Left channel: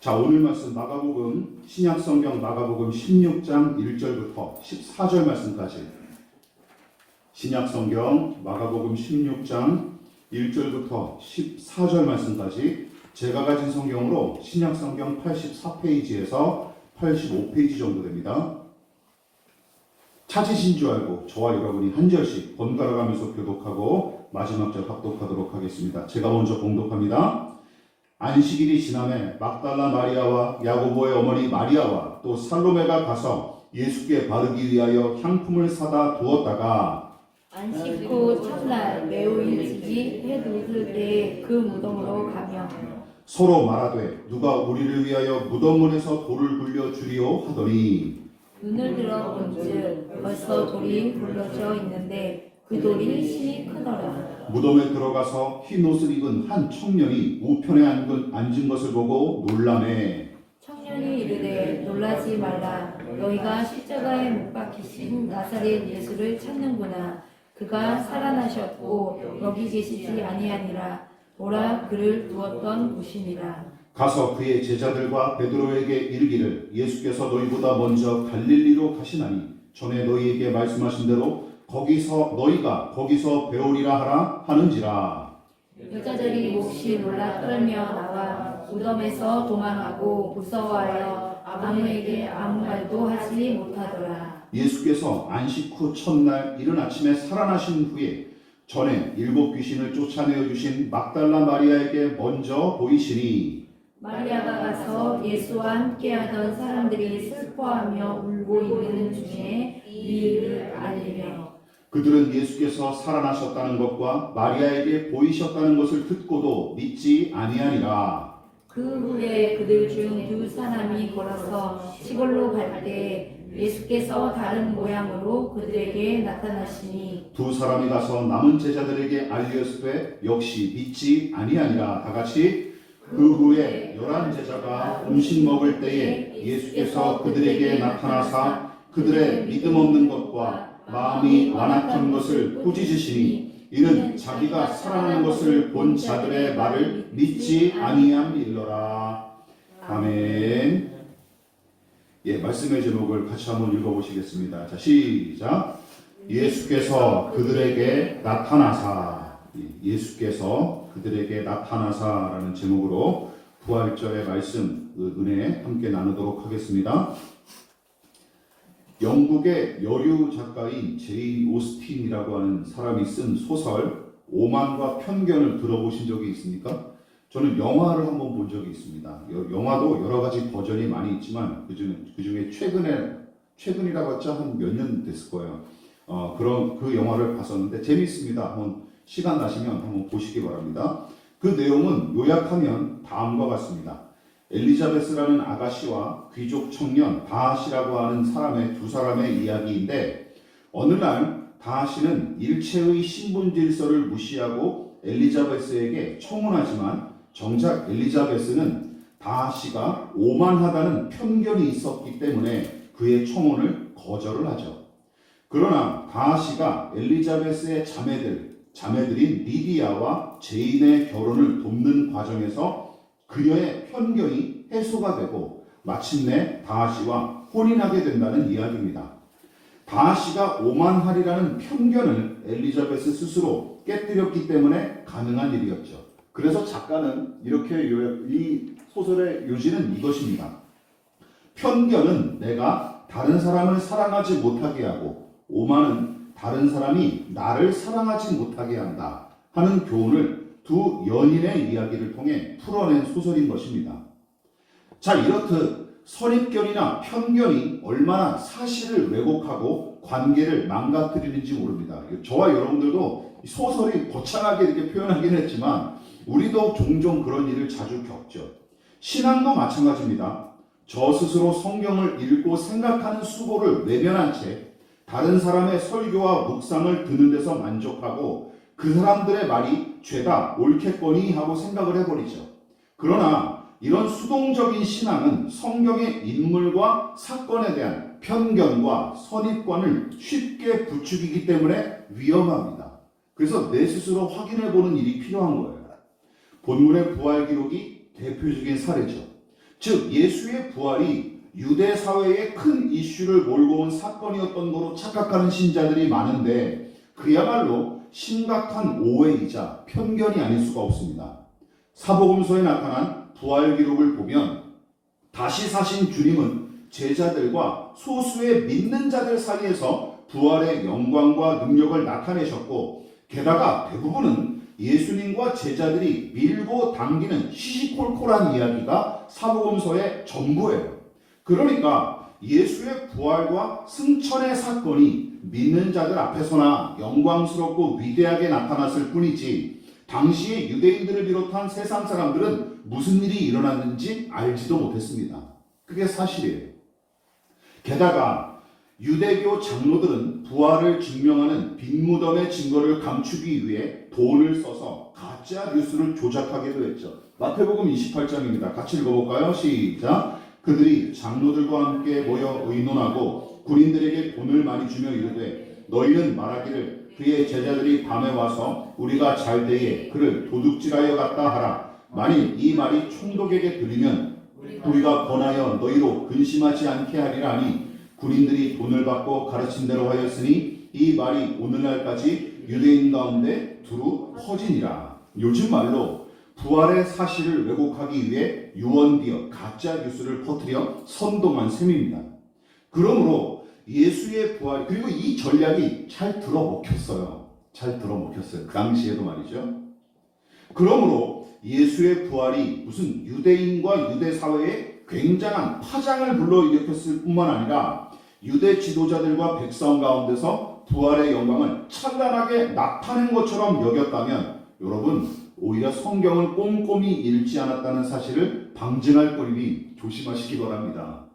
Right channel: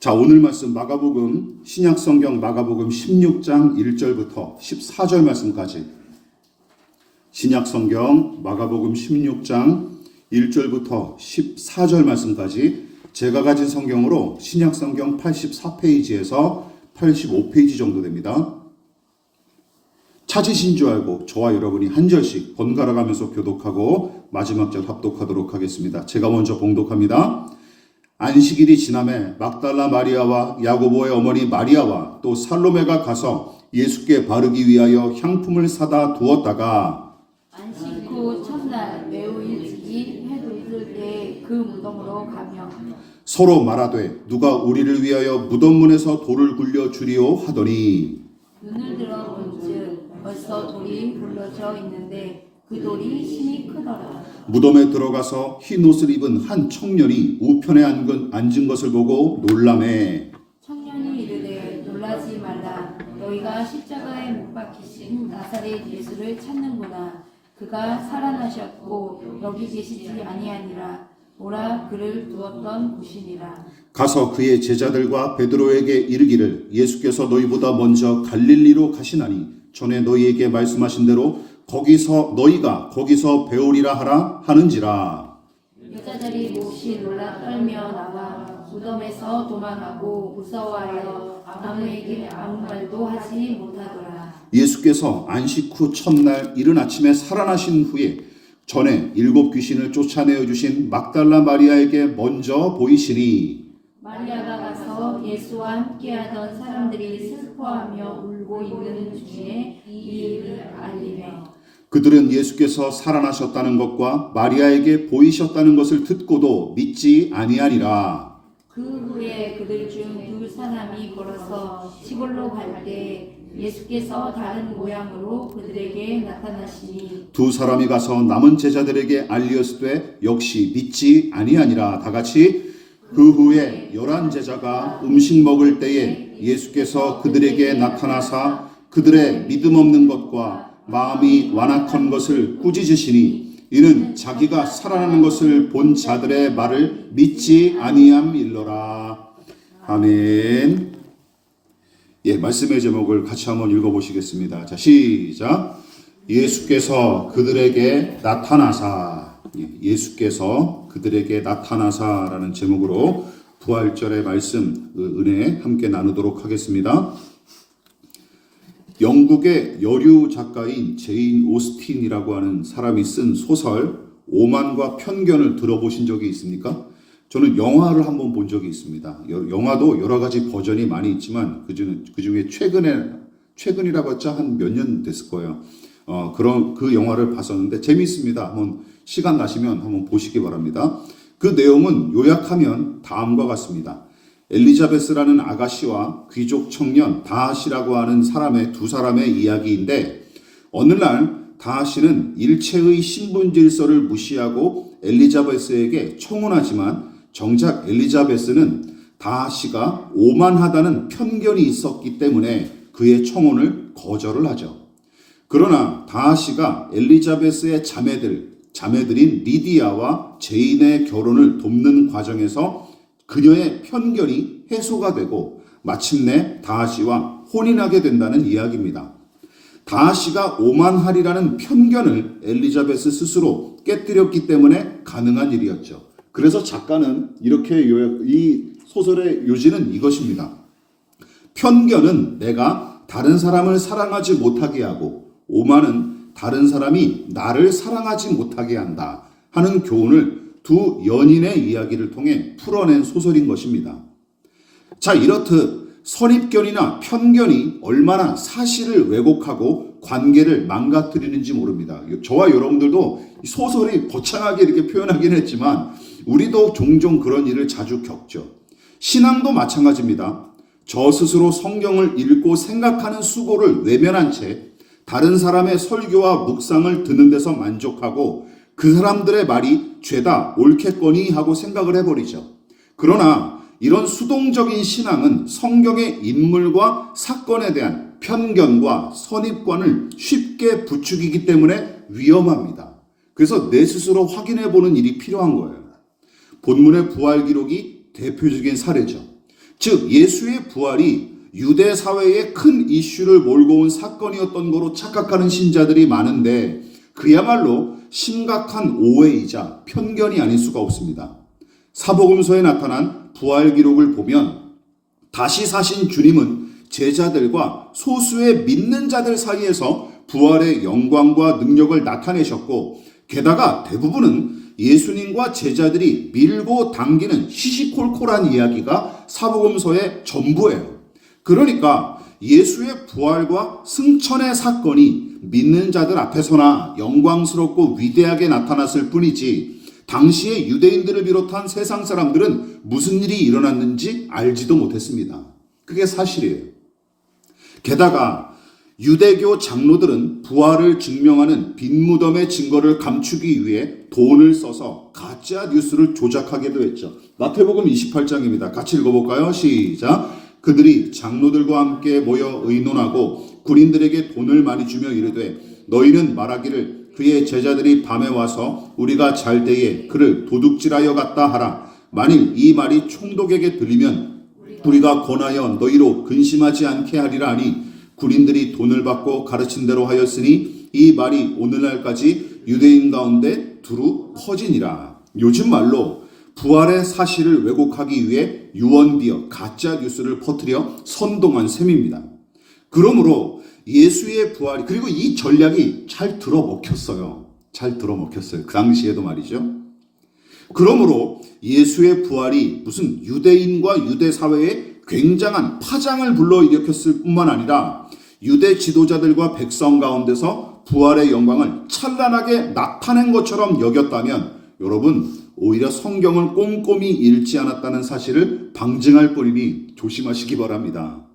자, 오늘 말씀 마가복음, 신약성경 마가복음 16장 1절부터 14절 말씀까지, 신약성경 마가복음 16장 1절부터 14절 말씀까지 제가 가진 성경으로 신약성경 84페이지에서 85페이지 정도 됩니다. 찾으신 줄 알고 저와 여러분이 한 절씩 번갈아 가면서 교독하고 마지막 절 합독하도록 하겠습니다. 제가 먼저 봉독합니다. 안식일이 지남에 막달라 마리아와 야고보의 어머니 마리아와 또 살로메가 가서 예수께 바르기 위하여 향품을 사다 두었다가 안식 후 첫날 매우 일찍이 해 돋을 때 그 무덤으로 가며 서로 말하되 누가 우리를 위하여 무덤문에서 돌을 굴려 주리오 하더니 눈을 들어 본즉 벌써 돌이 굴러져 있는데 그 돌이 심히 크더라. 무덤에 들어가서 흰 옷을 입은 한 청년이 우편에 앉은 것을 보고 놀라매 청년이 이르되 놀라지 말라. 너희가 십자가에 못 박히신 나사렛 예수를 찾는구나. 그가 살아나셨고 여기 계시지 아니하니라. 오라 그를 두었던 곳이니라. 가서 그의 제자들과 베드로에게 이르기를 예수께서 너희보다 먼저 갈릴리로 가시나니 전에 너희에게 말씀하신 대로 너희가 거기서 배우리라 하라 하는지라. 여자들이 몹시 놀라 떨며 나와 무덤에서 도망하고 무서워하여 아무에게 아무 말도 하지 못하더라. 예수께서 안식 후 첫날 이른 아침에 살아나신 후에 전에 7 귀신을 쫓아내어 주신 막달라 마리아에게 먼저 보이시니 마리아가 가서 예수와 함께하던 사람들이 슬퍼하며 울고 있는 중에 이 일을 알리며 그들은 예수께서 살아나셨다는 것과 마리아에게 보이셨다는 것을 듣고도 믿지 아니하니라. 그 후에 그들 중 2 사람이 걸어서 시골로 갈 때 예수께서 다른 모양으로 그들에게 나타나시니 2 사람이 가서 남은 제자들에게 알리었으되 역시 믿지 아니하니라. 다 같이 그 후에 11 제자가 음식 먹을 때에 예수께서 그들에게 나타나사 그들의 믿음 없는 것과 마음이 완악한 것을 꾸짖으시니 이는 자기가 살아나는 것을 본 자들의 말을 믿지 아니함일러라. 아멘. 예, 말씀의 제목을 같이 한번 읽어보시겠습니다. 자, 시작. 예수께서 그들에게 나타나사. 예수께서 그들에게 나타나사라는 제목으로 부활절의 말씀, 은혜 함께 나누도록 하겠습니다. 영국의 여류 작가인 제인 오스틴이라고 하는 사람이 쓴 소설 오만과 편견을 들어보신 적이 있습니까? 저는 영화를 한번 본 적이 있습니다. 영화도 여러 가지 버전이 많이 있지만 그중에 최근이라 봤자 한 몇 년 됐을 거예요. 그 영화를 봤었는데 재미있습니다. 한번 시간 나시면 한번 보시기 바랍니다. 그 내용은 요약하면 다음과 같습니다. 엘리자베스라는 아가씨와 귀족 청년 다하시라고 하는 2 사람의 이야기인데 어느 날 다하시는 일체의 신분 질서를 무시하고 엘리자베스에게 청혼하지만 정작 엘리자베스는 다하시가 오만하다는 편견이 있었기 때문에 그의 청혼을 거절을 하죠. 그러나 다하시가 엘리자베스의 자매들인 리디아와 제인의 결혼을 돕는 과정에서 그녀의 편견이 해소가 되고 마침내 다하시와 혼인하게 된다는 이야기입니다. 다하시가 오만하리라는 편견을 엘리자베스 스스로 깨뜨렸기 때문에 가능한 일이었죠. 그래서 작가는 이렇게 이 소설의 요지는 이것입니다. 편견은 내가 다른 사람을 사랑하지 못하게 하고 오만은 다른 사람이 나를 사랑하지 못하게 한다 하는 교훈을 2 연인의 이야기를 통해 풀어낸 소설인 것입니다. 자, 이렇듯 선입견이나 편견이 얼마나 사실을 왜곡하고 관계를 망가뜨리는지 모릅니다. 저와 여러분들도 소설이 거창하게 이렇게 표현하긴 했지만 우리도 종종 그런 일을 자주 겪죠. 신앙도 마찬가지입니다. 저 스스로 성경을 읽고 생각하는 수고를 외면한 채 다른 사람의 설교와 묵상을 듣는 데서 만족하고 그 사람들의 말이 죄다 옳겠거니 하고 생각을 해버리죠. 그러나 이런 수동적인 신앙은 성경의 인물과 사건에 대한 편견과 선입관을 쉽게 부추기기 때문에 위험합니다. 그래서 내 스스로 확인해 보는 일이 필요한 거예요. 본문의 부활 기록이 대표적인 사례죠. 즉 예수의 부활이 유대 사회에 큰 이슈를 몰고 온 사건이었던 거로 착각하는 신자들이 많은데 그야말로 심각한 오해이자 편견이 아닐 수가 없습니다. 사복음서에 나타난 부활 기록을 보면 다시 사신 주님은 제자들과 소수의 믿는 자들 사이에서 부활의 영광과 능력을 나타내셨고 게다가 대부분은 예수님과 제자들이 밀고 당기는 시시콜콜한 이야기가 사복음서의 전부예요. 그러니까 예수의 부활과 승천의 사건이 믿는 자들 앞에서나 영광스럽고 위대하게 나타났을 뿐이지 당시의 유대인들을 비롯한 세상 사람들은 무슨 일이 일어났는지 알지도 못했습니다. 그게 사실이에요. 게다가 유대교 장로들은 부활을 증명하는 빈 무덤의 증거를 감추기 위해 돈을 써서 가짜 뉴스를 조작하기도 했죠. 마태복음 28장입니다. 같이 읽어볼까요? 시작. 그들이 장로들과 함께 모여 의논하고 군인들에게 돈을 많이 주며 이르되 너희는 말하기를 그의 제자들이 밤에 와서 우리가 잘 때에 그를 도둑질하여 갔다 하라. 만일 이 말이 총독에게 들리면 우리가 권하여 너희로 근심하지 않게 하리라 하니 군인들이 돈을 받고 가르친 대로 하였으니 이 말이 오늘날까지 유대인 가운데 두루 퍼지니라. 요즘 말로 부활의 사실을 왜곡하기 위해 유언비어 가짜 뉴스를 퍼뜨려 선동한 셈입니다. 그러므로 예수의 부활이 그리고 이 전략이 잘 들어먹혔어요. 잘 들어먹혔어요. 그 당시에도 말이죠. 그러므로 예수의 부활이 무슨 유대인과 유대 사회에 굉장한 파장을 불러일으켰을 뿐만 아니라 유대 지도자들과 백성 가운데서 부활의 영광을 찬란하게 나타낸 것처럼 여겼다면 여러분 오히려 성경을 꼼꼼히 읽지 않았다는 사실을 방증할 뻔이니 조심하시기 바랍니다.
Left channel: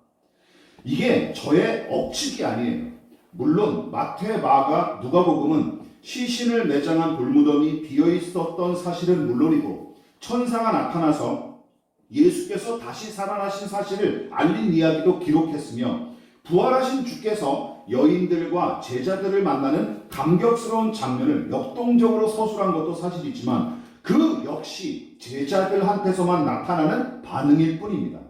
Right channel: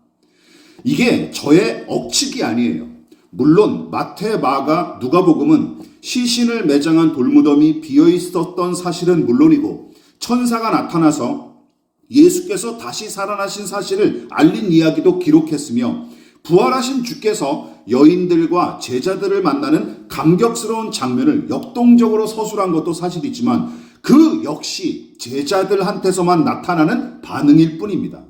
이게 저의 억측이 아니에요. 물론 마태, 마가, 누가복음은 시신을 매장한 돌무덤이 비어있었던 사실은 물론이고 천사가 나타나서 예수께서 다시 살아나신 사실을 알린 이야기도 기록했으며 부활하신 주께서 여인들과 제자들을 만나는 감격스러운 장면을 역동적으로 서술한 것도 사실이지만 그 역시 제자들한테서만 나타나는 반응일 뿐입니다.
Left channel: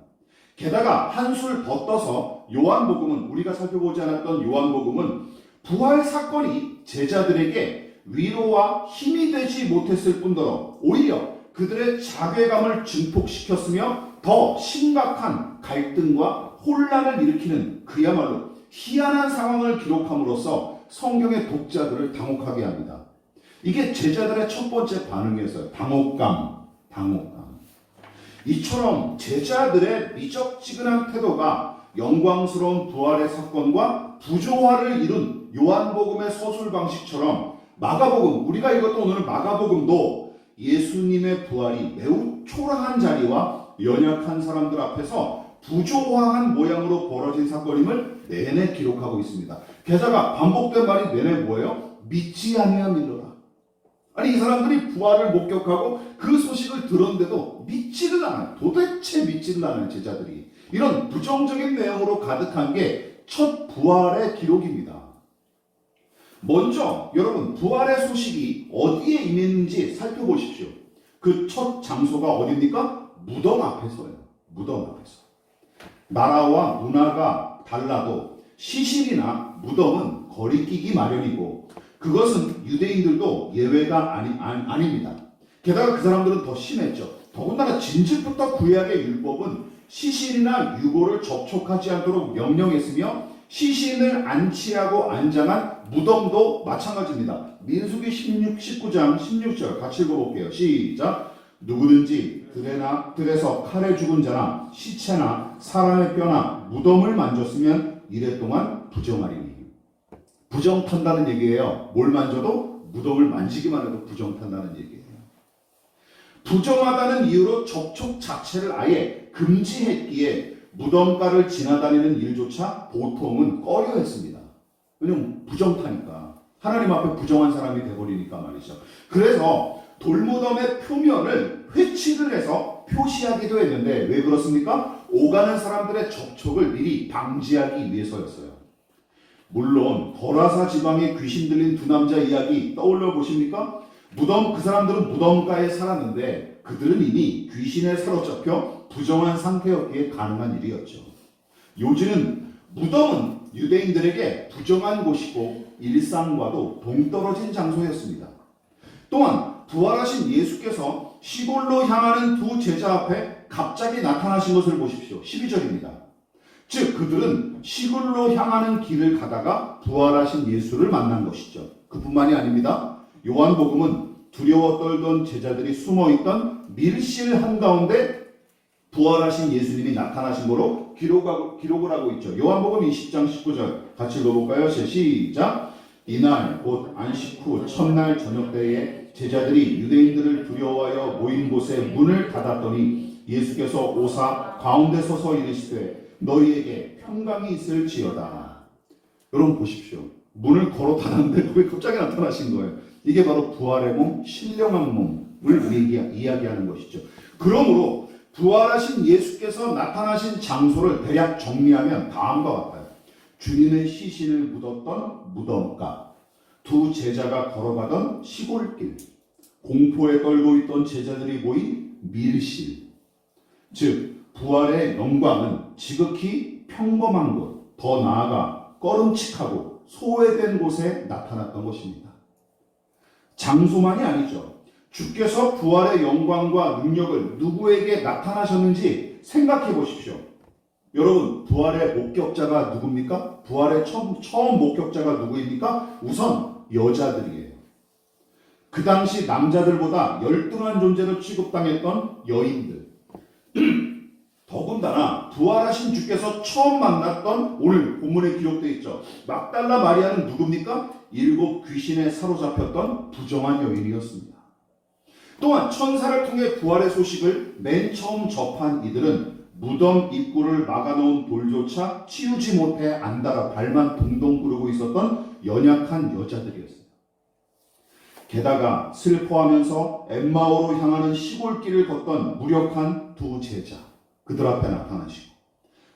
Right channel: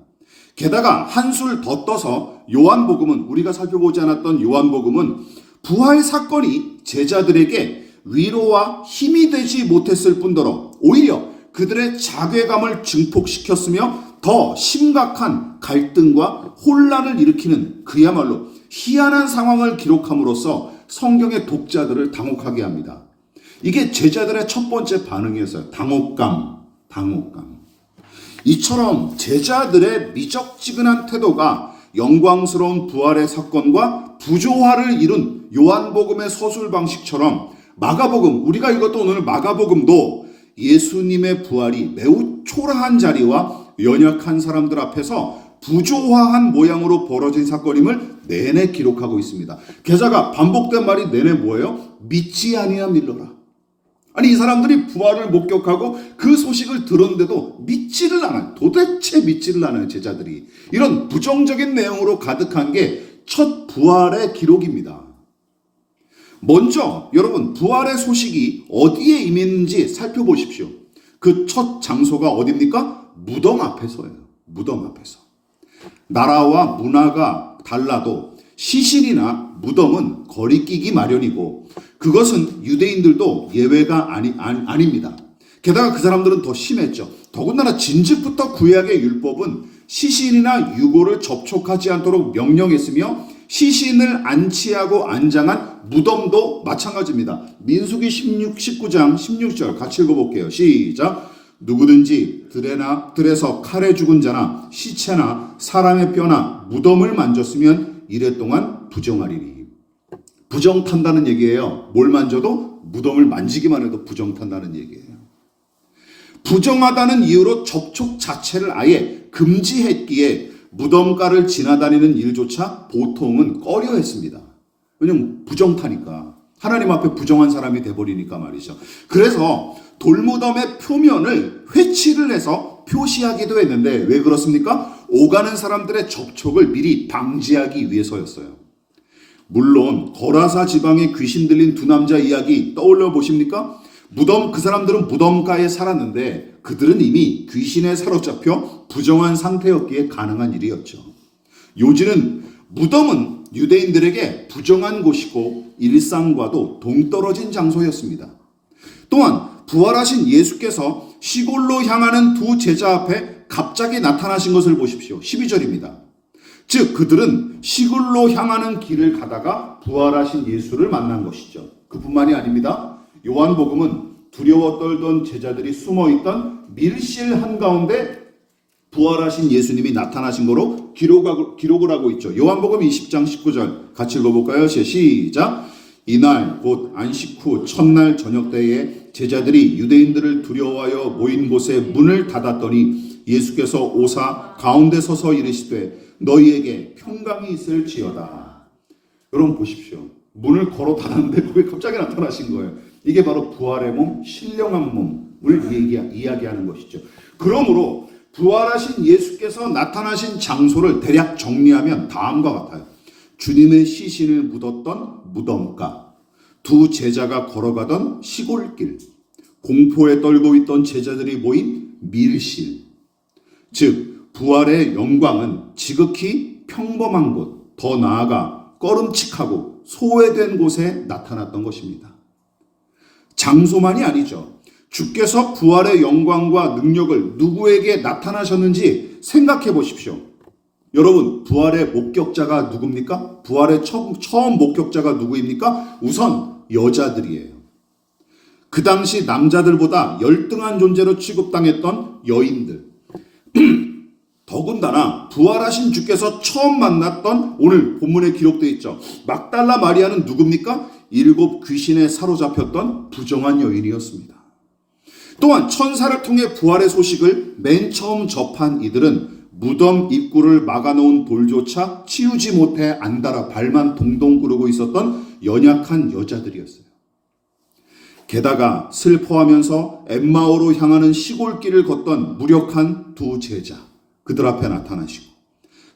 게다가 한술 더 떠서 요한복음은 우리가 살펴보지 않았던 요한복음은 부활 사건이 제자들에게 위로와 힘이 되지 못했을 뿐더러 오히려 그들의 자괴감을 증폭시켰으며 더 심각한 갈등과 혼란을 일으키는 그야말로 희한한 상황을 기록함으로써 성경의 독자들을 당혹하게 합니다. 이게 제자들의 첫 번째 반응이었어요. 당혹감. 이처럼 제자들의 미적지근한 태도가 영광스러운 부활의 사건과 부조화를 이룬 요한복음의 서술 방식처럼 마가복음, 우리가 읽었던 오늘 마가복음도 예수님의 부활이 매우 초라한 자리와 연약한 사람들 앞에서 부조화한 모양으로 벌어진 사건임을 내내 기록하고 있습니다. 게다가 반복된 말이 내내 뭐예요? 믿지 아니하밀러라. 아니 이 사람들이 부활을 목격하고 그 소식을 들었는데도 믿지를 않아요. 도대체 믿지를 않아요. 제자들이. 이런 부정적인 내용으로 가득한 게 첫 부활의 기록입니다. 먼저 여러분 부활의 소식이 어디에 임했는지 살펴보십시오. 그 첫 장소가 어디입니까? 무덤 앞에서예요. 무덤 앞에서. 나라와 문화가 달라도 시신이나 무덤은 거리끼기 마련이고 그것은 유대인들도 예외가 아닙니다. 게다가 그 사람들은 더 심했죠. 더군다나 진즉부터 구약의 율법은 시신이나 유골을 접촉하지 않도록 명령했으며 시신을 안치하고 안장한 무덤도 마찬가지입니다. 민수기 19장 16절 같이 읽어볼게요. 시작. 누구든지 들에서 칼에 죽은 자나 시체나 사람의 뼈나 무덤을 만졌으면 이래 동안 부정하리니. 부정탄다는 얘기예요. 뭘 만져도 무덤을 만지기만 해도 부정탄다는 얘기예요. 부정하다는 이유로 접촉 자체를 아예 금지했기에 무덤가를 지나다니는 일조차 보통은 꺼려했습니다. 왜냐면 부정타니까. 하나님 앞에 부정한 사람이 돼버리니까 말이죠. 그래서 돌무덤의 표면을 회칠을 해서 표시하기도 했는데 왜 그렇습니까? 오가는 사람들의 접촉을 미리 방지하기 위해서였어요. 물론 거라사 지방에 귀신 들린 두 남자 이야기 떠올려 보십니까? 그 사람들은 무덤가에 살았는데 그들은 이미 귀신에 사로잡혀 부정한 상태였기에 가능한 일이었죠. 요지는 무덤은 유대인들에게 부정한 곳이고 일상과도 동떨어진 장소였습니다. 또한 부활하신 예수께서 시골로 향하는 두 제자 앞에 갑자기 나타나신 것을 보십시오. 12절입니다. 즉 그들은 시골로 향하는 길을 가다가 부활하신 예수를 만난 것이죠. 그뿐만이 아닙니다. 요한복음은 두려워 떨던 제자들이 숨어있던 밀실 한가운데 부활하신 예수님이 나타나신 거로 기록을 하고 있죠. 요한복음 20장 19절 같이 읽어볼까요? 시작. 이날 곧 안식 후 첫날 저녁 때에 제자들이 유대인들을 두려워하여 모인 곳에 문을 닫았더니 예수께서 오사 가운데 서서 이르시되 너희에게 평강이 있을지어다. 여러분 보십시오. 문을 걸어 닫았는데 거기 갑자기 나타나신 거예요. 이게 바로 부활의 몸, 신령한 몸을 이야기하는 것이죠. 그러므로 부활하신 예수께서 나타나신 장소를 대략 정리하면 다음과 같아요. 주님의 시신을 묻었던 무덤가, 두 제자가 걸어가던 시골길, 공포에 떨고 있던 제자들이 모인 밀실. 즉 부활의 영광은 지극히 평범한 곳, 더 나아가 꺼름칙하고 소외된 곳에 나타났던 것입니다. 장소만이 아니죠. 주께서 부활의 영광과 능력을 누구에게 나타나셨는지 생각해 보십시오. 여러분, 부활의 목격자가 누굽니까? 부활의 처음 목격자가 누구입니까? 우선 여자들이에요. 그 당시 남자들보다 열등한 존재로 취급당했던 여인들. 더군다나 부활하신 주께서 처음 만났던 오늘 본문에 기록되어 있죠. 막달라 마리아는 누굽니까? 7 귀신에 사로잡혔던 부정한 여인이었습니다. 또한 천사를 통해 부활의 소식을 맨 처음 접한 이들은 무덤 입구를 막아놓은 돌조차 치우지 못해 안달아 발만 동동 구르고 있었던 연약한 여자들이었어요. 게다가 슬퍼하면서 엠마오로 향하는 시골길을 걷던 무력한 두 제자, 그들 앞에 나타나시고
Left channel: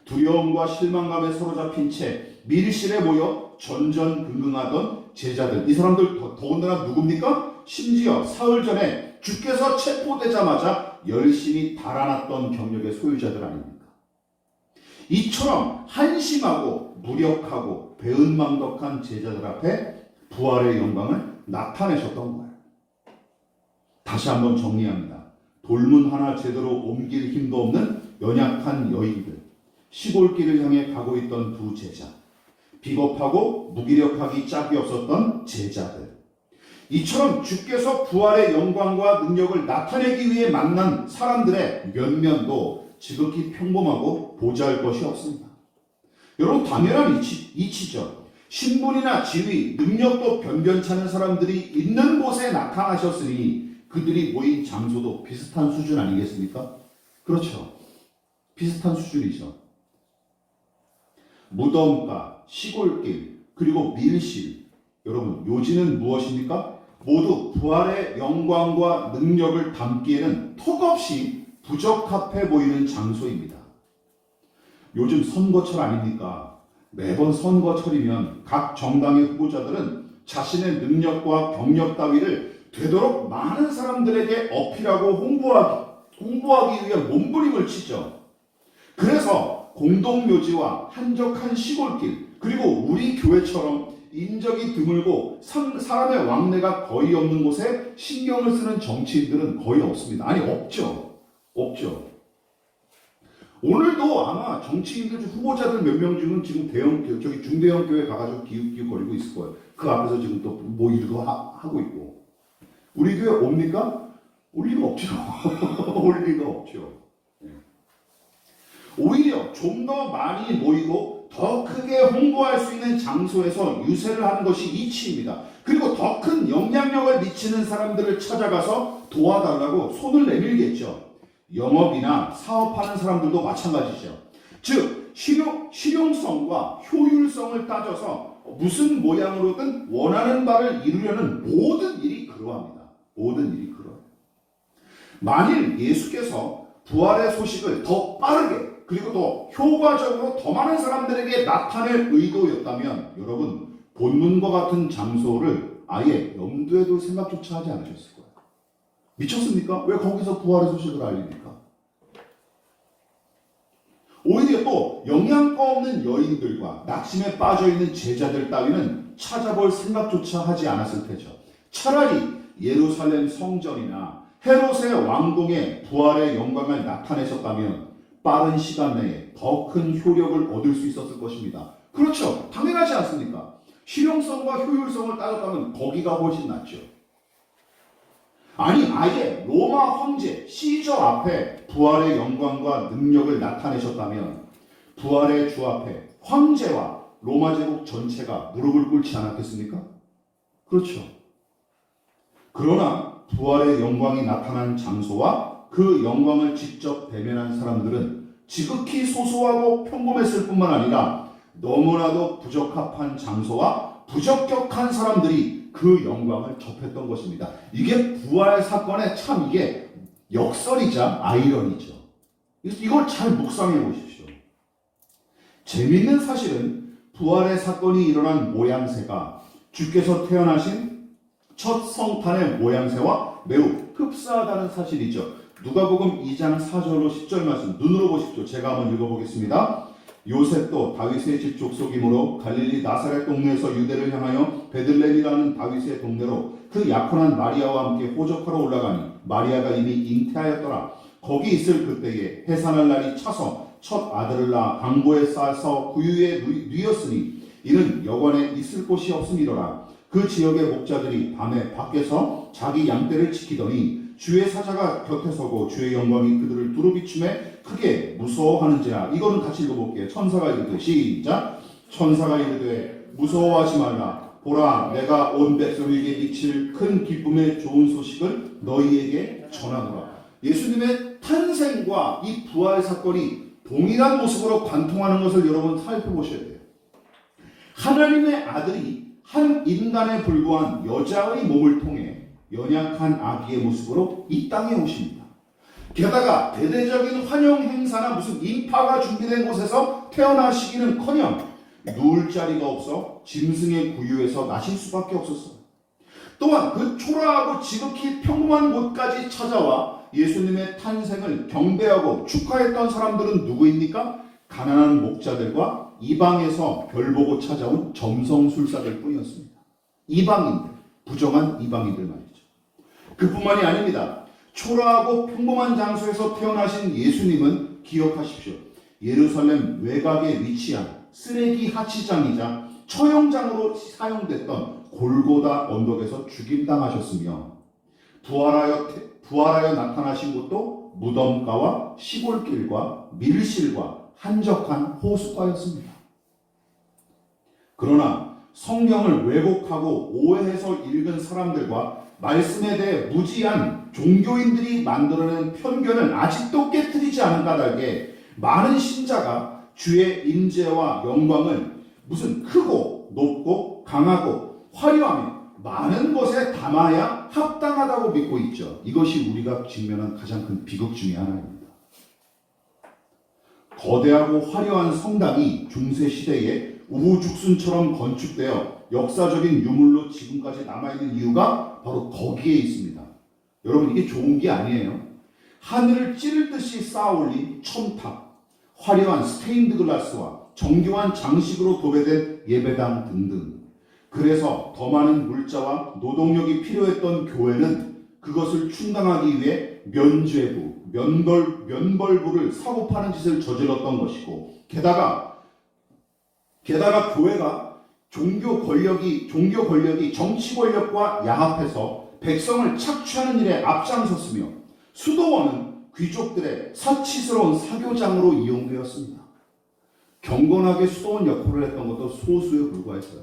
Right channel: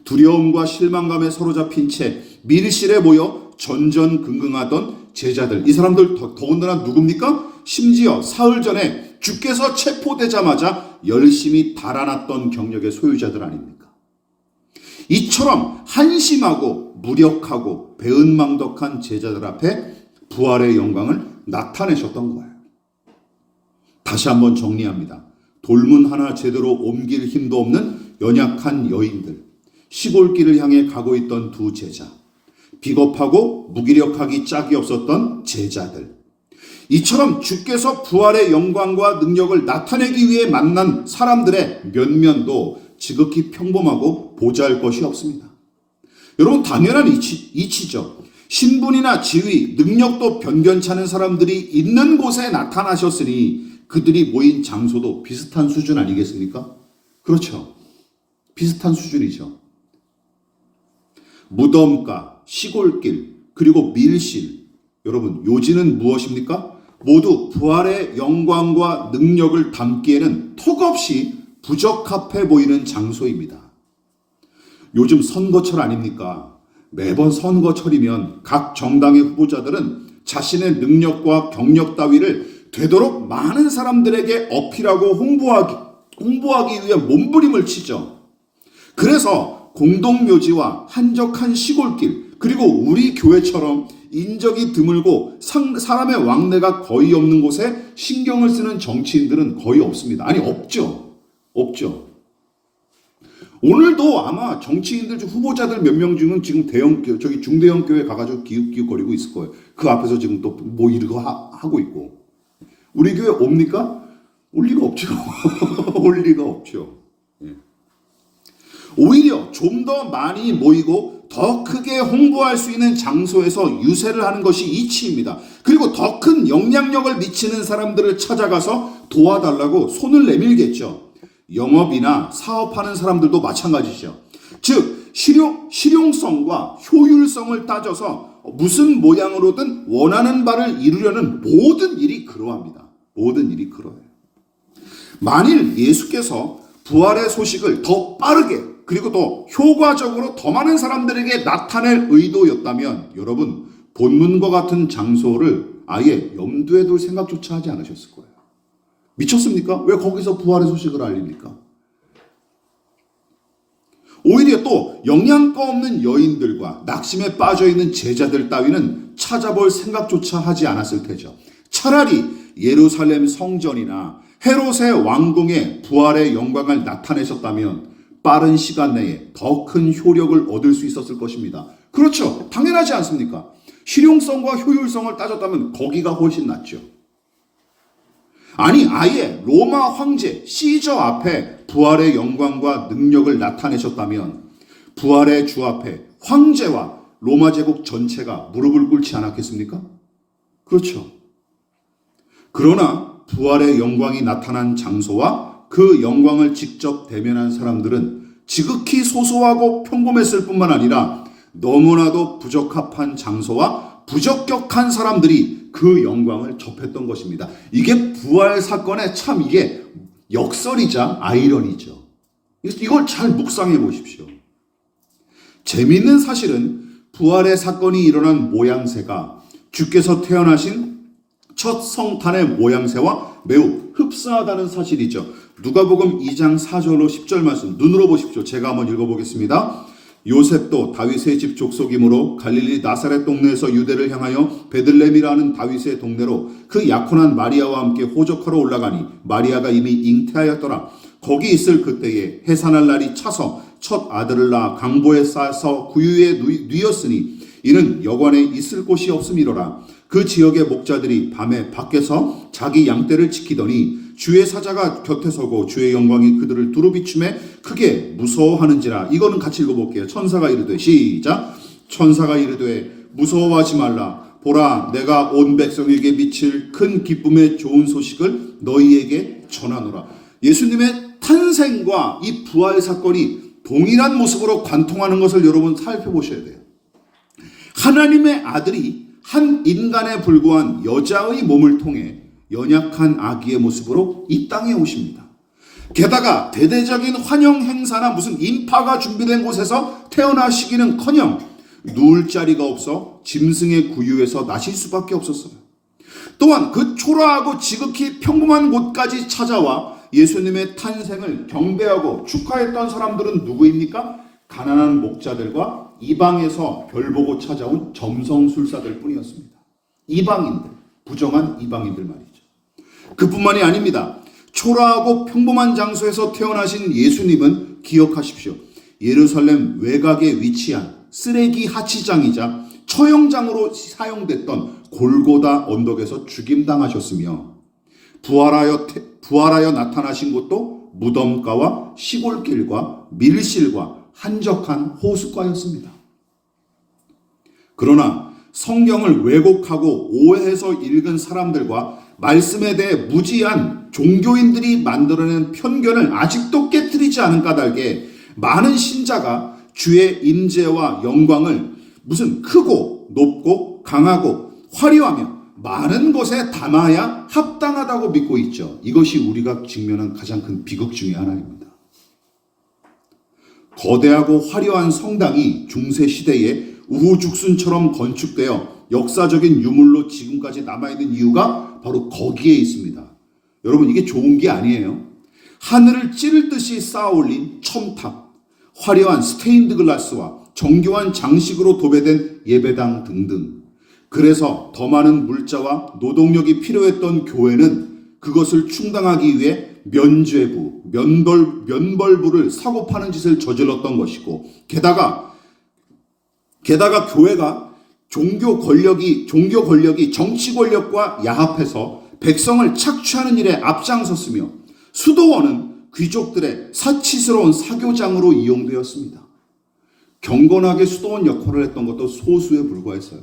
두려움과 실망감에 사로잡힌 채 밀실에 모여 전전긍긍하던 제자들, 이 사람들 더군다나 누굽니까? 심지어 사흘 전에 주께서 체포되자마자 열심히 달아났던 경력의 소유자들 아닙니까? 이처럼 한심하고 무력하고 배은망덕한 제자들 앞에 부활의 영광을 나타내셨던 거예요. 다시 한번 정리합니다. 돌문 하나 제대로 옮길 힘도 없는 연약한 여인들, 시골길을 향해 가고 있던 두 제자, 비겁하고 무기력하기 짝이 없었던 제자들, 이처럼 주께서 부활의 영광과 능력을 나타내기 위해 만난 사람들의 면면도 지극히 평범하고 보잘것이 없습니다. 여러분, 당연한 이치죠. 신분이나 지위, 능력도 변변찮은 사람들이 있는 곳에 나타나셨으니 그들이 모인 장소도 비슷한 수준 아니겠습니까? 그렇죠. 비슷한 수준이죠. 무덤가, 시골길, 그리고 밀실. 여러분, 요지는 무엇입니까? 모두 부활의 영광과 능력을 담기에는 턱없이 부적합해 보이는 장소입니다. 요즘 선거철 아닙니까? 매번 선거철이면 각 정당의 후보자들은 자신의 능력과 경력 따위를 되도록 많은 사람들에게 어필하고 홍보하기 위해 몸부림을 치죠. 그래서 공동묘지와 한적한 시골길, 그리고 우리 교회처럼 인적이 드물고 사람의 왕래가 거의 없는 곳에 신경을 쓰는 정치인들은 거의 없습니다. 아니, 없죠. 오늘도 아마 정치인들 후보자들 몇 명 중은 지금 중대형 교회 가가지고 기웃기웃거리고 있을 거예요. 그 앞에서 지금 또 뭐 이러고 하고 있고. 우리 교회 옵니까? 올 리가 없죠. 올 리가 없죠. 오히려 좀 더 많이 모이고 더 크게 홍보할 수 있는 장소에서 유세를 하는 것이 이치입니다. 그리고 더 큰 영향력을 미치는 사람들을 찾아가서 도와달라고 손을 내밀겠죠. 영업이나 사업하는 사람들도 마찬가지죠. 즉 실용성과 효율성을 따져서 무슨 모양으로든 원하는 바를 이루려는 모든 일이 그러합니다. 모든 일이 그러해요. 만일 예수께서 부활의 소식을 더 빠르게 그리고 또 효과적으로 더 많은 사람들에게 나타낼 의도였다면 여러분, 본문과 같은 장소를 아예 염두에 둘 생각조차 하지 않으셨을 거예요. 미쳤습니까? 왜 거기서 부활의 소식을 알립니까? 오히려 또 영양가 없는 여인들과 낙심에 빠져있는 제자들 따위는 찾아볼 생각조차 하지 않았을 테죠. 차라리 예루살렘 성전이나 헤롯의 왕궁에 부활의 영광을 나타내셨다면 빠른 시간 내에 더 큰 효력을 얻을 수 있었을 것입니다. 그렇죠. 당연하지 않습니까? 실용성과 효율성을 따졌다면 거기가 훨씬 낫죠. 아니, 아예 로마 황제 시저 앞에 부활의 영광과 능력을 나타내셨다면 부활의 주 앞에 황제와 로마 제국 전체가 무릎을 꿇지 않았겠습니까? 그렇죠. 그러나 부활의 영광이 나타난 장소와 그 영광을 직접 대면한 사람들은 지극히 소소하고 평범했을 뿐만 아니라 너무나도 부적합한 장소와 부적격한 사람들이 그 영광을 접했던 것입니다. 이게 부활 사건의 참 이게 역설이자 아이러니죠. 이걸 잘 묵상해 보십시오. 재미있는 사실은 부활의 사건이 일어난 모양새가 주께서 태어나신 첫 성탄의 모양새와 매우 흡사하다는 사실이죠. 누가복음 2장 4절로 10절 말씀 눈으로 보십시오. 제가 한번 읽어보겠습니다. 요셉도 다윗의 집 족속이므로 갈릴리 나사렛 동네에서 유대를 향하여 베들레헴이라는 다윗의 동네로 그 약혼한 마리아와 함께 호적하러 올라가니 마리아가 이미 잉태하였더라. 거기 있을 그때에 해산할 날이 차서 첫 아들을 낳아 강보에 싸서 구유에 누였으니 이는 여관에 있을 곳이 없음이로라. 그 지역의 목자들이 밤에 밖에서 자기 양떼를 지키더니 주의 사자가 곁에 서고 주의 영광이 그들을 두루 비춤에 크게 무서워하는지라. 이거는 같이 읽어볼게요. 천사가 이르되 시작. 천사가 이르되 무서워하지 말라. 보라 내가 온 백성에게 미칠 큰 기쁨의 좋은 소식을 너희에게 전하노라. 예수님의 탄생과 이 부활 사건이 동일한 모습으로 관통하는 것을 여러분 살펴보셔야 돼요. 하나님의 아들이 한 인간에 불과한 여자의 몸을 통해 연약한 아기의 모습으로 이 땅에 오십니다. 게다가 대대적인 환영 행사나 무슨 인파가 준비된 곳에서 태어나시기는커녕 누울 자리가 없어 짐승의 구유에서 나실 수밖에 없었어요. 또한 그 초라하고 지극히 평범한 곳까지 찾아와 예수님의 탄생을 경배하고 축하했던 사람들은 누구입니까? 가난한 목자들과 이방에서 별보고 찾아온 점성술사들 뿐이었습니다. 이방인들, 부정한 이방인들 말이죠. 그뿐만이 아닙니다. 초라하고 평범한 장소에서 태어나신 예수님은 기억하십시오. 예루살렘 외곽에 위치한 쓰레기 하치장이자 처형장으로 사용됐던 골고다 언덕에서 죽임당하셨으며 부활하여 나타나신 곳도 무덤가와 시골길과 밀실과 한적한 호숫가였습니다. 그러나 성경을 왜곡하고 오해해서 읽은 사람들과 말씀에 대해 무지한 종교인들이 만들어낸 편견을 아직도 깨트리지 않은 까닭에 많은 신자가 주의 임재와 영광을 무슨 크고 높고 강하고 화려하며 많은 것에 담아야 합당하다고 믿고 있죠. 이것이 우리가 직면한 가장 큰 비극 중에 하나입니다. 거대하고 화려한 성당이 중세시대에 우후죽순처럼 건축되어 역사적인 유물로 지금까지 남아있는 이유가 바로 거기에 있습니다. 여러분, 이게 좋은 게 아니에요. 하늘을 찌를 듯이 쌓아올린 첨탑, 화려한 스테인드 글라스와 정교한 장식으로 도배된 예배당 등등. 그래서 더 많은 물자와 노동력이 필요했던 교회는 그것을 충당하기 위해 면죄부, 면벌부를 사고 파는 짓을 저질렀던 것이고, 게다가 교회가 종교 권력이 정치 권력과 야합해서 백성을 착취하는 일에 앞장섰으며 수도원은 귀족들의 사치스러운 사교장으로 이용되었습니다. 경건하게 수도원 역할을 했던 것도 소수에 불과했어요.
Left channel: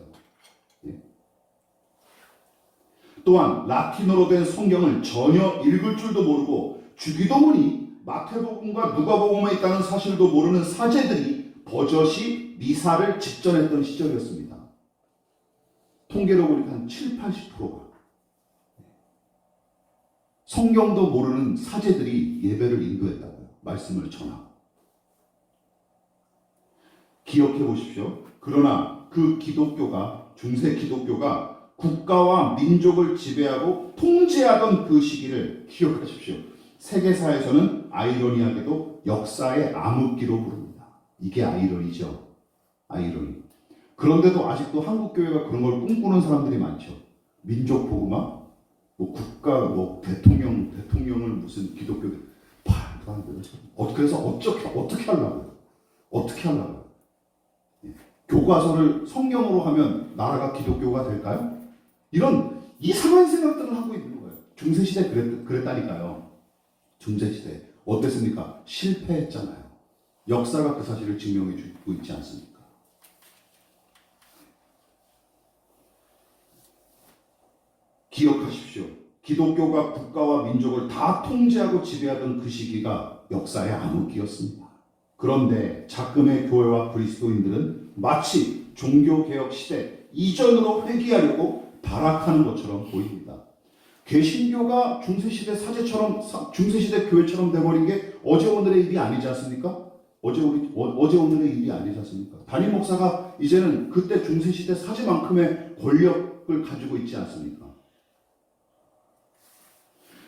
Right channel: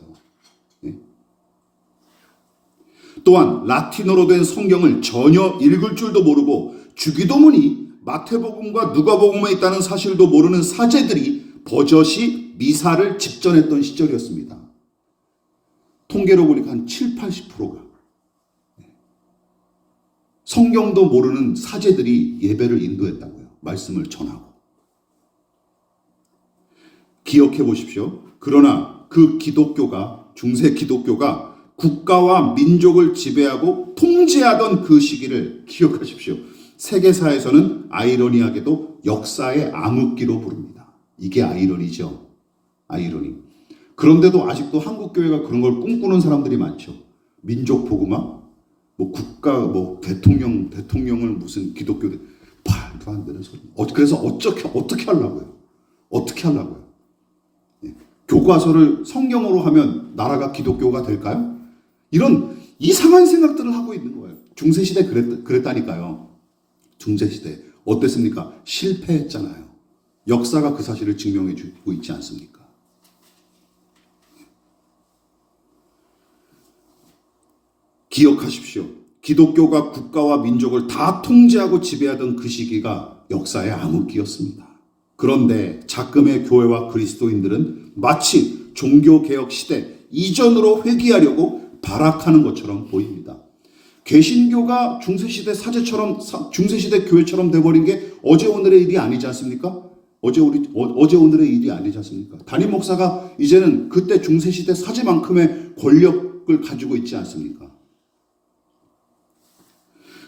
또한 라틴어로 된 성경을 전혀 읽을 줄도 모르고 주기도문이 마태복음과 누가복음에 있다는 사실도 모르는 사제들이 버젓이 미사를 집전했던 시절이었습니다. 통계로 보니까 한 70-80%가 성경도 모르는 사제들이 예배를 인도했다고요. 말씀을 전하고. 기억해 보십시오. 그러나 그 기독교가, 중세 기독교가 국가와 민족을 지배하고 통제하던 그 시기를 기억하십시오. 세계사에서는 아이러니하게도 역사의 암흑기로 부릅니다. 이게 아이러니죠. 아이러니. 그런데도 아직도 한국 교회가 그런 걸 꿈꾸는 사람들이 많죠. 민족 복음화, 뭐 국가, 뭐 대통령을 무슨 기독교들 말도 안 되는 소리. 그래서 어떻게 하려고요? 어떻게 하려고요? 예. 교과서를 성경으로 하면 나라가 기독교가 될까요? 이런 이상한 생각들을 하고 있는 거예요. 중세시대 그랬다니까요. 중세시대 어땠습니까? 실패했잖아요. 역사가 그 사실을 증명해 주고 있지 않습니까? 기억하십시오. 기독교가 국가와 민족을 다 통제하고 지배하던 그 시기가 역사의 암흑기였습니다. 그런데 작금의 교회와 그리스도인들은 마치 종교개혁 시대 이전으로 회귀하려고 발악하는 것처럼 보입니다. 개신교가 중세시대 교회처럼 돼버린 게 어제 오늘의 일이 아니지 않습니까? 어제 오늘의 일이 아니지 않습니까? 담임 목사가 이제는 그때 중세시대 사제만큼의 권력을 가지고 있지 않습니까?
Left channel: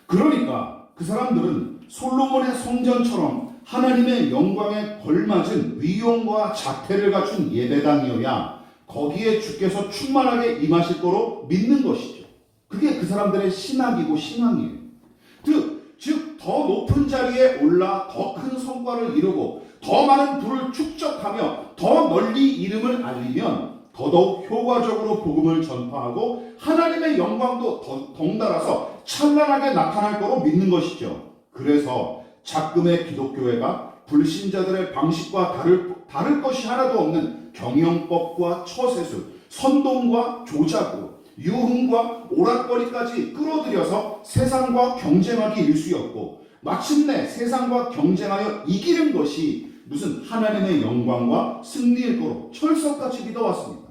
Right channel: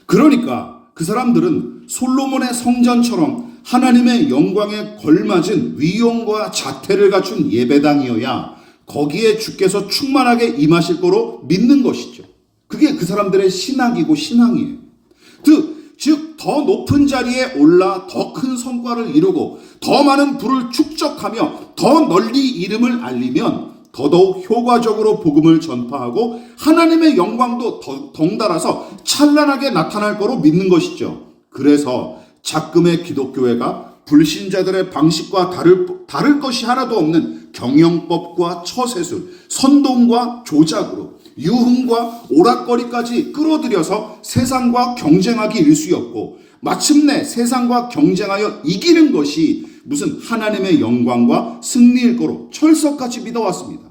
그러니까 그 사람들은 솔로몬의 성전처럼 하나님의 영광에 걸맞은 위엄과 자태를 갖춘 예배당이어야 거기에 주께서 충만하게 임하실 거로 믿는 것이죠. 그게 그 사람들의 신학이고 신앙이에요. 즉 더 높은 자리에 올라 더 큰 성과를 이루고 더 많은 부를 축적하며 더 널리 이름을 알리면 더더욱 효과적으로 복음을 전파하고 하나님의 영광도 덩달아서 찬란하게 나타날 거로 믿는 것이죠. 그래서 작금의 기독교회가 불신자들의 방식과 다를 것이 하나도 없는 경영법과 처세술, 선동과 조작으로 유흥과 오락거리까지 끌어들여서 세상과 경쟁하기 일쑤였고 마침내 세상과 경쟁하여 이기는 것이 무슨 하나님의 영광과 승리일 거로 철석같이 믿어왔습니다.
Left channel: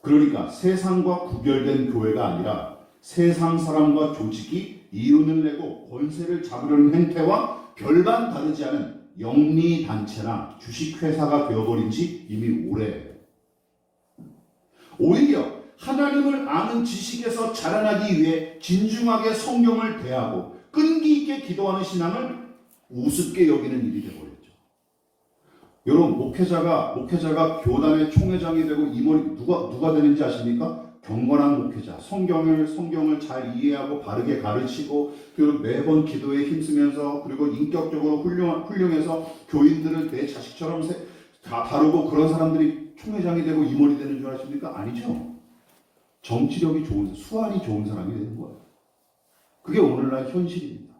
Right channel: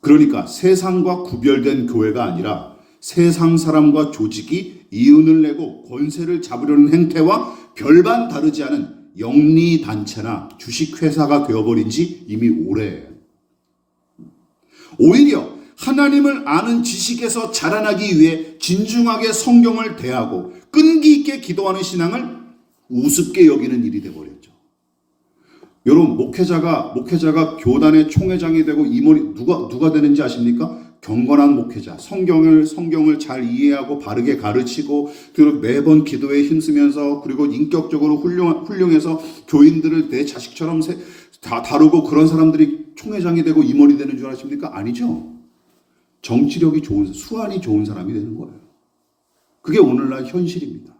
그러니까 세상과 구별된 교회가 아니라 세상 사람과 조직이 이윤을 내고 권세를 잡으려는 행태와 별반 다르지 않은 영리단체나 주식회사가 되어버린 지 이미 오래예요. 오히려 하나님을 아는 지식에서 자라나기 위해 진중하게 성경을 대하고 끈기 있게 기도하는 신앙을 우습게 여기는 일이 되어버렸죠. 여러분 목회자가 교단의 총회장이 되고 임원이 누가 되는지 아십니까? 경건한 목회자, 성경을 잘 이해하고 바르게 가르치고 그리고 매번 기도에 힘쓰면서 그리고 인격적으로 훌륭해서 교인들을 내 자식처럼 다루고 그런 사람들이 총회장이 되고 임원이 되는 줄 아십니까? 아니죠. 정치력이 좋은, 수완이 좋은 사람이 되는 거예요. 그게 오늘날 현실입니다.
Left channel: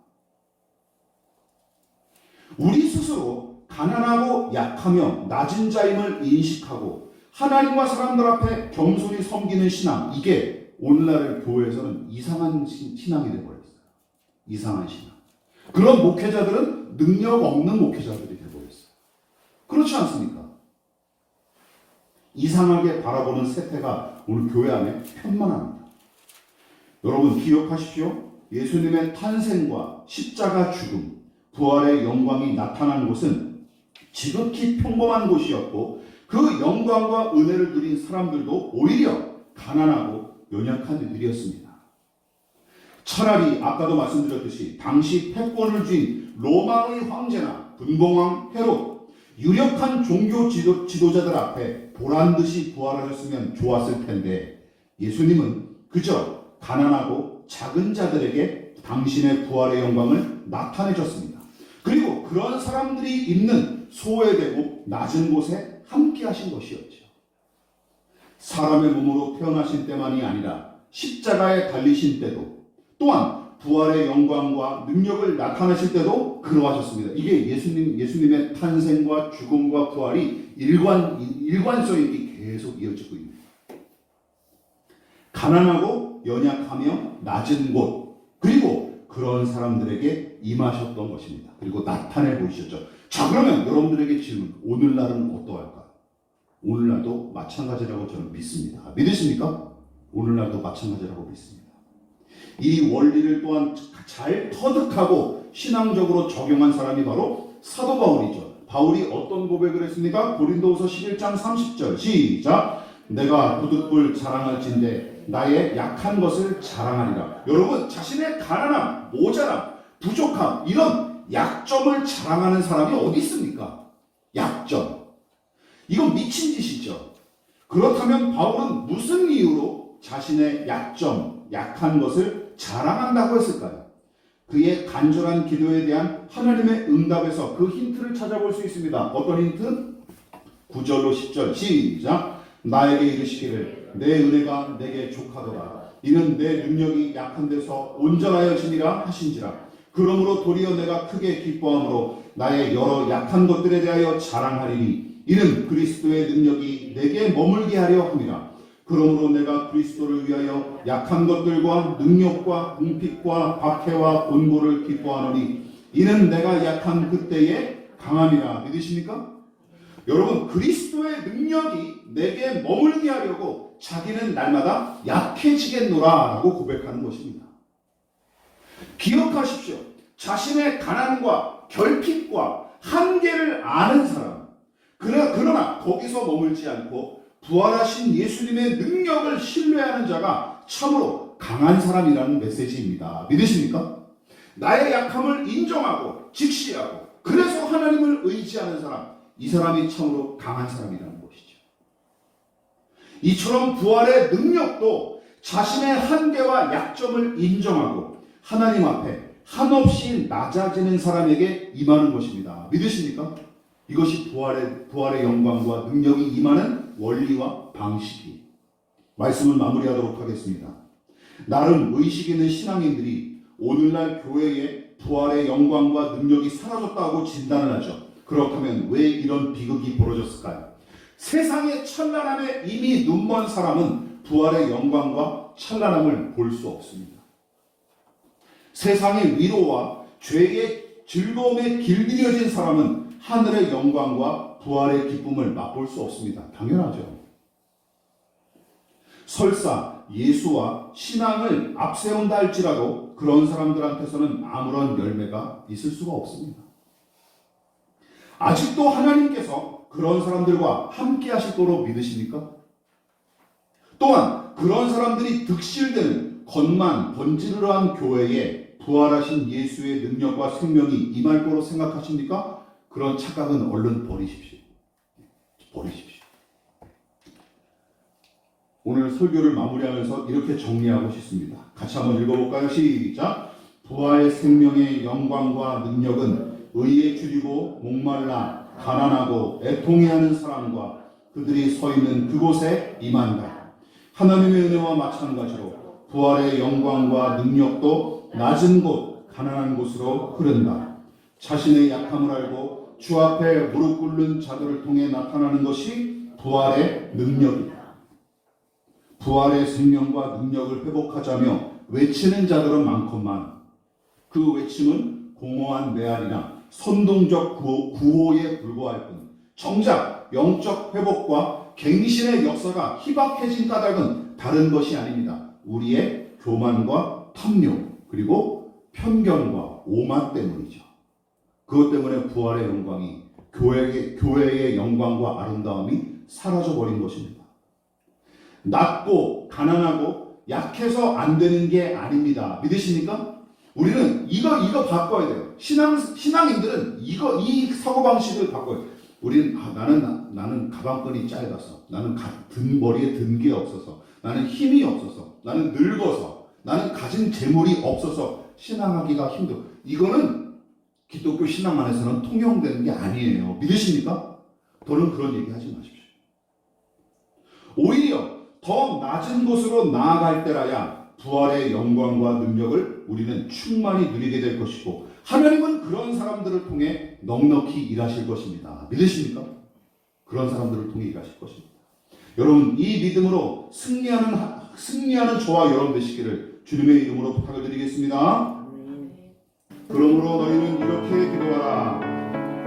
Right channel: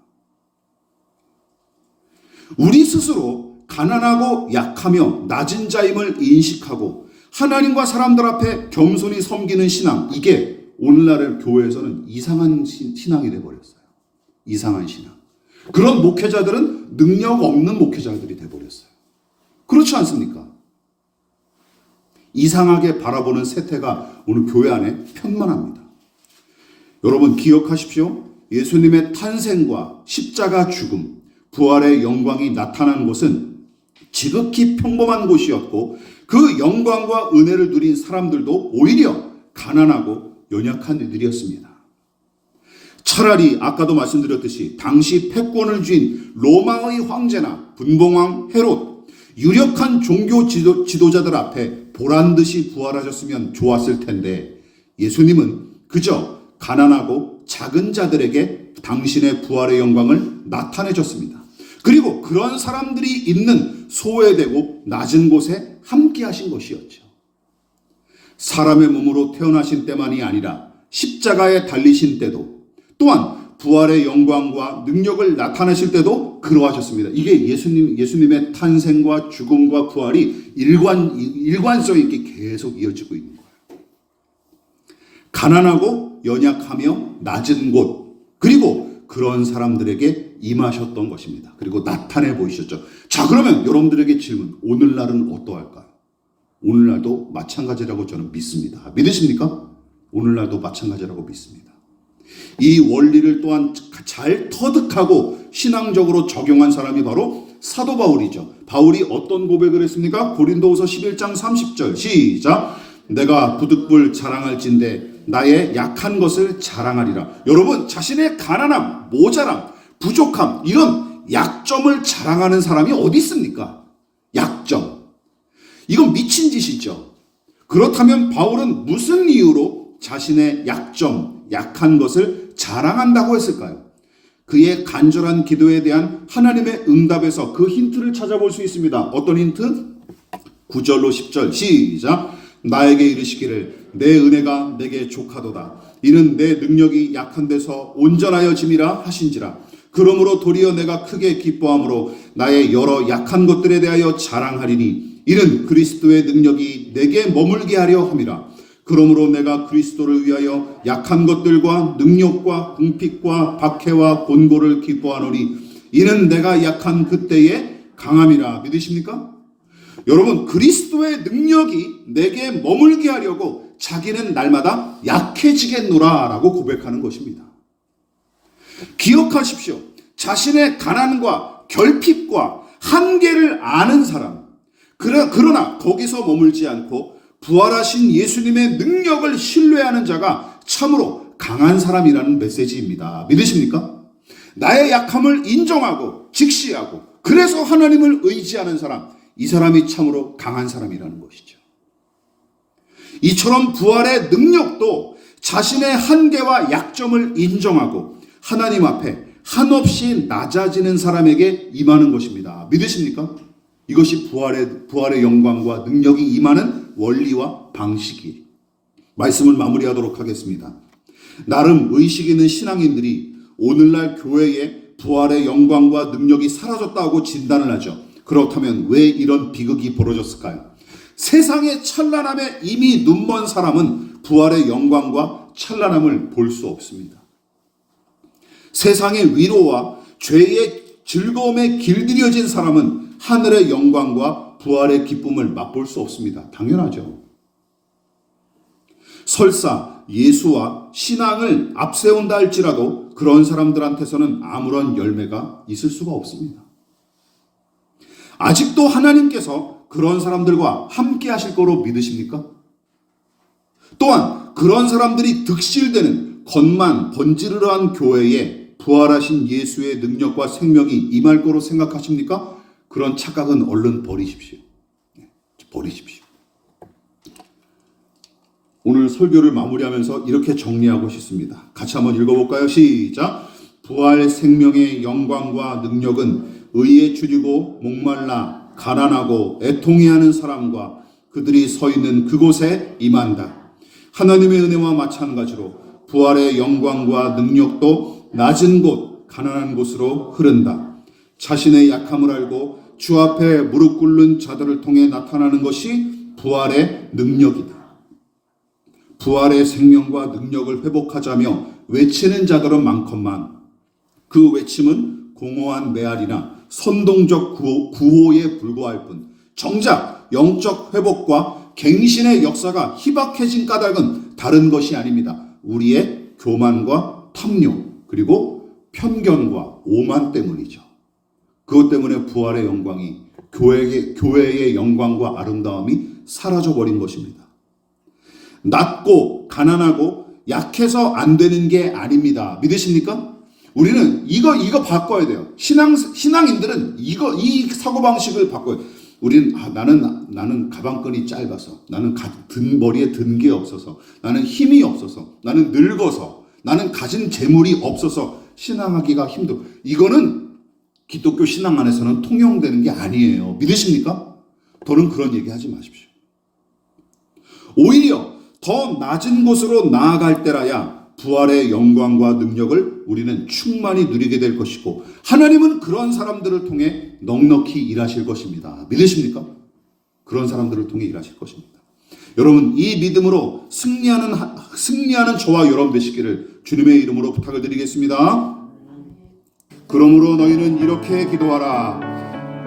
우리 스스로 가난하고 약하며 낮은 자임을 인식하고 하나님과 사람들 앞에 겸손히 섬기는 신앙, 이게 오늘날 교회에서는 이상한 신앙이 되어버렸어요. 이상한 신앙. 그런 목회자들은 능력 없는 목회자들이 되어버렸어요. 그렇지 않습니까? 이상하게 바라보는 세태가 오늘 교회 안에 편만합니다. 여러분 기억하십시오. 예수님의 탄생과 십자가 죽음, 부활의 영광이 나타난 곳은 지극히 평범한 곳이었고 그 영광과 은혜를 누린 사람들도 오히려 가난하고 연약한 이들이었습니다. 차라리 아까도 말씀드렸듯이 당시 패권을 쥔 로마의 황제나 분봉왕 헤롯, 유력한 종교 지도자들 앞에 보란듯이 부활하셨으면 좋았을 텐데 예수님은 그저 가난하고 작은 자들에게 당신의 부활의 영광을 나타내셨습니다. 그리고 그런 사람들이 있는 소외되고 낮은 곳에 함께 하신 것이었죠. 사람의 몸으로 태어나신 때만이 아니라 십자가에 달리신 때도 또한 부활의 영광과 능력을 나타내실 때도 그러하셨습니다. 이게 예수님의 탄생과 죽음과 부활이 일관성 있게 계속 이어지고 있는 거예요. 가난하고 연약하며 낮은 곳, 그리고 그런 사람들에게 임하셨던 것입니다. 그리고 나타내 보이셨죠. 자, 그러면 여러분들에게 질문, 오늘날은 어떠할까요? 오늘날도 마찬가지라고 저는 믿습니다. 믿으십니까? 오늘날도 마찬가지라고 믿습니다. 이 원리를 또한 잘 터득하고 신앙적으로 적용한 사람이 바로 사도 바울이죠. 바울이 어떤 고백을 했습니까? 고린도후서 11장 30절 시작. 내가 부득불 자랑할진대 나의 약한 것을 자랑하리라. 여러분, 자신의 가난함, 모자람, 부족함, 이런 약점을 자랑하는 사람이 어디 있습니까? 약점. 이건 미친 짓이죠. 그렇다면 바울은 무슨 이유로 자신의 약점, 약한 것을 자랑한다고 했을까요? 그의 간절한 기도에 대한 하나님의 응답에서 그 힌트를 찾아볼 수 있습니다. 어떤 힌트? 9절로 10절 시작. 나에게 이르시기를 내 은혜가 내게 족하도다. 이는 내 능력이 약한 데서 온전하여 짐이라 하신지라. 그러므로 도리어 내가 크게 기뻐함으로 나의 여러 약한 것들에 대하여 자랑하리니 이는 그리스도의 능력이 내게 머물게 하려 함이라. 그러므로 내가 그리스도를 위하여 약한 것들과 능력과 궁핍과 박해와 본고를 기뻐하노니 이는 내가 약한 그때의 강함이라. 믿으십니까? 여러분, 그리스도의 능력이 내게 머물게 하려고 자기는 날마다 약해지겠노라 라고 고백하는 것입니다. 기억하십시오. 자신의 가난과 결핍과 한계를 아는 사람, 그러나 거기서 머물지 않고 부활하신 예수님의 능력을 신뢰하는 자가 참으로 강한 사람이라는 메시지입니다. 믿으십니까? 나의 약함을 인정하고 직시하고 그래서 하나님을 의지하는 사람, 이 사람이 참으로 강한 사람이라는 것이죠. 이처럼 부활의 능력도 자신의 한계와 약점을 인정하고 하나님 앞에 한없이 낮아지는 사람에게 임하는 것입니다. 믿으십니까? 이것이 부활의 영광과 능력이 임하는 원리와 방식이. 말씀을 마무리하도록 하겠습니다. 나름 의식 있는 신앙인들이 오늘날 교회에 부활의 영광과 능력이 사라졌다고 진단을 하죠. 그렇다면 왜 이런 비극이 벌어졌을까요? 세상의 찬란함에 이미 눈먼 사람은 부활의 영광과 찬란함을 볼 수 없습니다. 세상의 위로와 죄의 즐거움에 길들여진 사람은 하늘의 영광과 부활의 기쁨을 맛볼 수 없습니다. 당연하죠. 설사 예수와 신앙을 앞세운다 할지라도 그런 사람들한테서는 아무런 열매가 있을 수가 없습니다. 아직도 하나님께서 그런 사람들과 함께 하실 거로 믿으십니까? 또한 그런 사람들이 득실되는 겉만 번지르르한 교회에 부활하신 예수의 능력과 생명이 임할 거로 생각하십니까? 그런 착각은 얼른 버리십시오. 버리십시오. 오늘 설교를 마무리하면서 이렇게 정리하고 싶습니다. 같이 한번 읽어볼까요? 시작. 부활 생명의 영광과 능력은 의에 줄이고 목말라 가난하고 애통해하는 사람과 그들이 서 있는 그곳에 임한다. 하나님의 은혜와 마찬가지로 부활의 영광과 능력도 낮은 곳, 가난한 곳으로 흐른다. 자신의 약함을 알고 주 앞에 무릎 꿇는 자들을 통해 나타나는 것이 부활의 능력이다. 부활의 생명과 능력을 회복하자며 외치는 자들은 많건만 그 외침은 공허한 메아리나 선동적 구호에 불과할 뿐 정작 영적 회복과 갱신의 역사가 희박해진 까닭은 다른 것이 아닙니다. 우리의 교만과 탐욕 그리고 편견과 오만 때문이죠. 그것 때문에 부활의 영광이 교회의 영광과 아름다움이 사라져버린 것입니다. 낮고 가난하고 약해서 안 되는 게 아닙니다. 믿으십니까? 우리는 이거 바꿔야 돼요. 신앙인들은 이 사고방식을 바꿔야 돼요. 우리는 나는 가방끈이 짧아서, 나는 머리에 든 게 없어서, 나는 힘이 없어서, 나는 늙어서, 나는 가진 재물이 없어서 신앙하기가 힘들어. 이거는 기독교 신앙 안에서는 통용되는 게 아니에요. 믿으십니까? 더는 그런 얘기 하지 마십시오. 오히려 더 낮은 곳으로 나아갈 때라야 부활의 영광과 능력을 우리는 충만히 누리게 될 것이고 하나님은 그런 사람들을 통해 넉넉히 일하실 것입니다. 믿으십니까? 그런 사람들을 통해 일하실 것입니다. 여러분, 이 믿음으로 승리하는 저와 여러분 되시기를 주님의 이름으로 부탁을 드리겠습니다. 그러므로 너희는 이렇게 기도하라.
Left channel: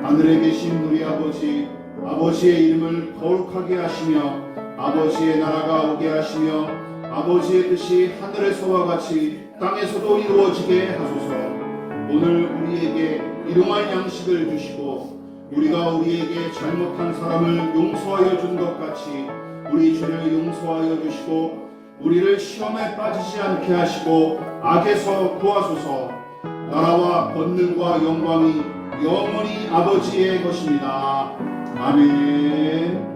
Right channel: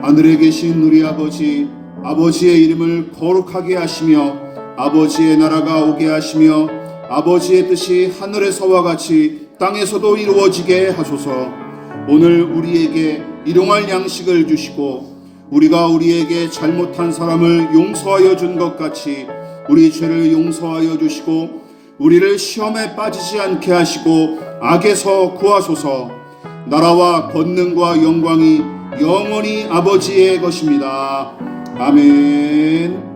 하늘에 계신 우리 아버지의 이름을 거룩하게 하시며 아버지의 나라가 오게 하시며 아버지의 뜻이 하늘에서와 같이 땅에서도 이루어지게 하소서. 오늘 우리에게 일용할 양식을 주시고 우리가 우리에게 잘못한 사람을 용서하여 준 것 같이 우리 죄를 용서하여 주시고 우리를 시험에 빠지지 않게 하시고 악에서 구하소서. 나라와 권능과 영광이 영원히 아버지의 것입니다. 아멘.